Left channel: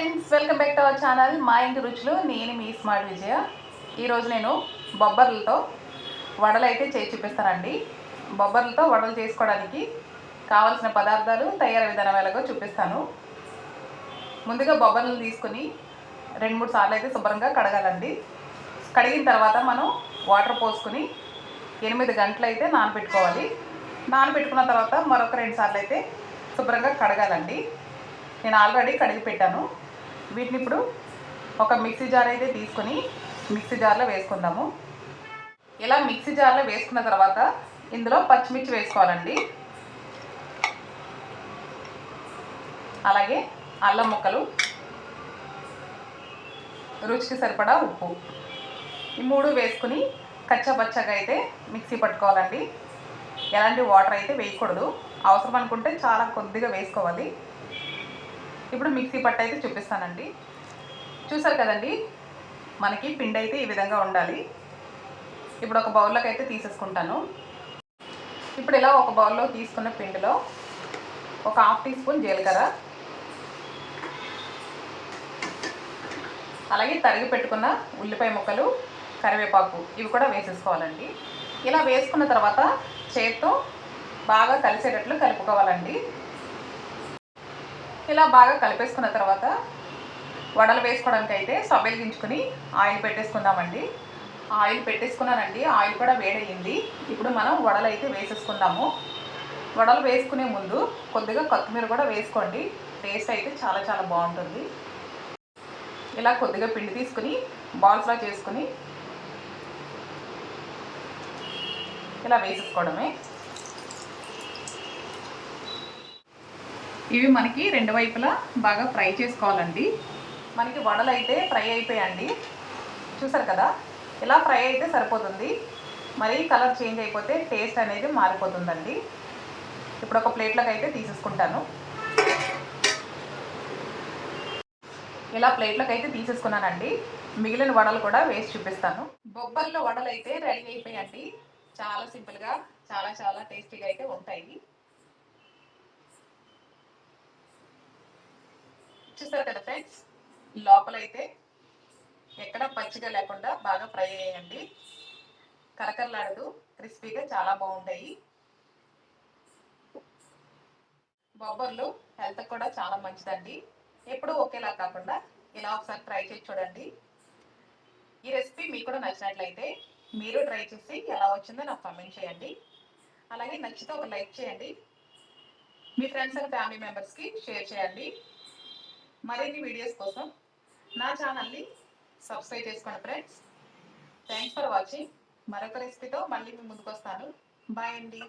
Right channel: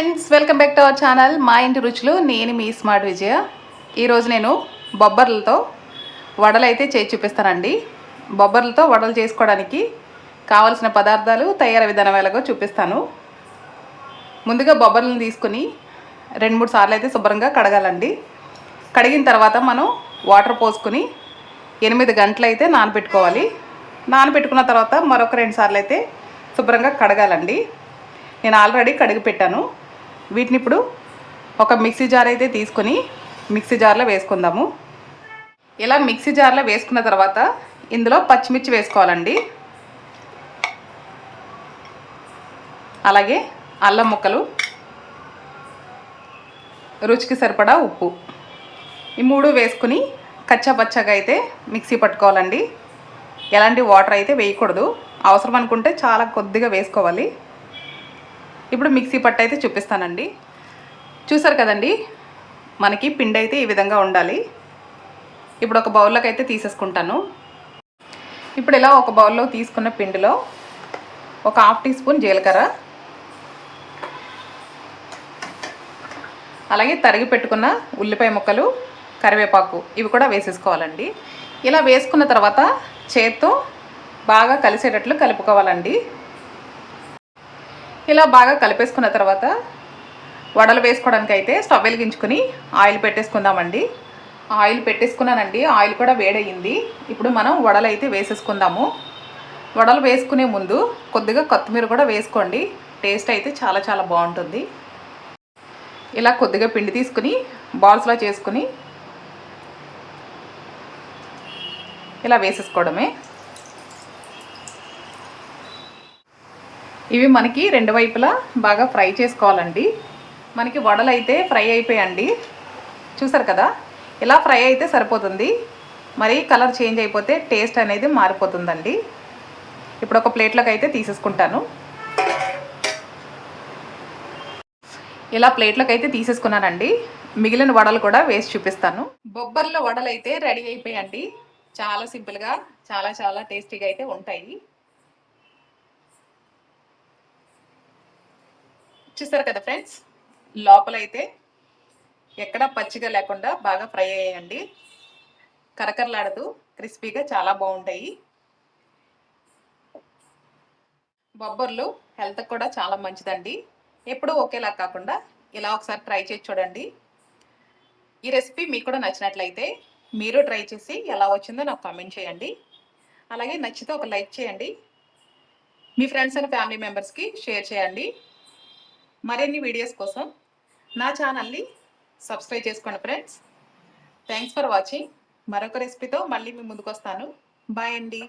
Friends, welcome back to our channel మా ఇంటి రుచులు. నేను మీ స్మార్ట్ విజయ. ఈరోజు నేను బొబ్బర్లతో వడలు అయితే చేసి చూపిస్తానండి. బొబ్బర్లతో వడలు చేసుకోవడానికి కావాల్సిన పదార్థాలు, తయారీ విధానం ఎలాగో చూపిస్తాను. ముందుగా బొబ్బర్లను తీసుకుని 2-3 సార్లు అయితే శుభ్రంగా కడగాలండి. కడిగిన తర్వాత మనం వాటర్ పోసుకొని 8 గంటలు అయితే నానబెట్టుకోవాలి. నానబెట్టుకున్న తర్వాత మరొక 2 సార్లు అయితే శుభ్రంగా కడగాలండి. నేను ఆల్రెడీ కడిగి పెట్టాను. వీటిని ఇప్పుడు ఒక మిక్సీ జార్ అయితే తీసుకొని మిక్సీ జార్లో వేసుకుందాము. ఇలా మిక్సీ జార్లో వేసుకున్న తర్వాత ఇందులో పచ్చిమిర్చి వేసుకోవాలండి. అలాగే అల్లం ముక్కలు, రుచికి సరిపడా ఉప్పు, ఈ 3 వేసుకుని కచ్చాపచ్చాగా అయితే మిక్సీ పట్టుకోవాలండి. ఎలాంటి వాటర్ అయితే వేయకూడదు. అవసరం అనుకుంటే చాలా కొద్దిగా వేసుకోవాలి. ఇప్పుడు మిక్సీ పట్టు అయితే చూపిస్తానండి. చూసారు కదండి, మనకి పిండి అయితే ఈ విధంగా ఉండాలి. ఇప్పుడు ఒక బౌల్లోకి అయితే తీసేసుకుంటాను. ఇప్పుడు ఇలా ఒక బౌల్లో తీసుకున్న పిండిలో ఒక 1/2 టీ స్పూన్ జీలకర్ర, అలాగే తరిగి పెట్టుకున్న ఉల్లిపాయ ముక్కలు, కరివేపాకు ఇవి కూడా వేసేసుకోవాలండి. ఇలా వేసుకున్న తర్వాత చేత్తో బాగా కలిసేటట్లు కలుపుకోవాలండి. ఇలా బాగా కలిపేసుకున్న తర్వాత వడలు వేసుకోవడానికి అయితే స్టవ్ వెలిగించుకొని ఆయిల్ పెట్టేసుకుందామండి. ఆయిల్ పెట్టేసుకున్నానండి. ఆయిల్ కూడా వేడయ్యింది. ఇప్పుడు మనం వడలు అయితే వేసేసుకుందాము. వడలు వేసుకునే ముందు కొద్దిగా కొత్తిమీర కూడా వేసుకోండి. టేస్ట్ అయితే చాలా చాలా బాగుంటుంది. ఇలా కొద్దిగా పిండి తీసుకుని బాల్స్లా చేసుకుని ఇలా వేసేసుకోవడమే. ఇవి మనకి 2 వైపులా బాగా ఫ్రై చేసుకోవాలండి. మనకి వడలు అయితే ఫ్రై అయిపోయాయండి. చూసారు కదా, ఇలా ఫ్రై అయితే సరిపోతుంది. మరి కలర్ చేంజ్ అయిపోతే టేస్ట్ అనేది మారిపోతుందండి. ఇప్పుడు ఒక ప్లేట్లోకి అయితే తీసేసుకుంటాను. ఇలా ప్లేట్లోకి అయితే తీసేసుకున్నానండి. మిగిలిన వడలు కూడా వేసి చూపిస్తాను. బొబ్బర్ల వడలు అయితే రెడీ అయిపోయాయండి. చాలా సింపుల్గా చాలా చాలా టేస్టీగా అయితే ఉంటాయి. చూసారు కదా ఫ్రెండ్స్, లోపలైతే ఎక్కడ పచ్చిగా లేకుండా బాగా ఫ్రై అయ్యాయండి. కరకరలాడుతూ క్రిస్పీగా చాలా బాగుంటాయి. బొబ్బర్లు హెల్త్కి కూడా చాలా మంచిదండి. ఎప్పుడూ ఒకేలా కాకుండా ఇలా ఒకసారి ట్రై చేసి చూడండి. ఈ రెసిపీ మీకు కూడా నచ్చినట్లయితే మీరు ట్రై చేసి ఎలా వచ్చిందో నాకు కామెంట్ చేయండి. అలాగే నచ్చితే ఒక లైక్ చేయండి. మీ ఫ్రెండ్స్ అండ్ ఫ్యామిలీ మెంబర్స్కి షేర్ చేయండి. మరిన్ని వీడియోస్ కోసం నా ఛానల్ని సబ్స్క్రైబ్ చేసుకోండి ఫ్రెండ్స్. Thanks for watching. మరొక రెసిపీతో మళ్ళీ మీ ముందుకు వస్తాను. బాయ్ అండి.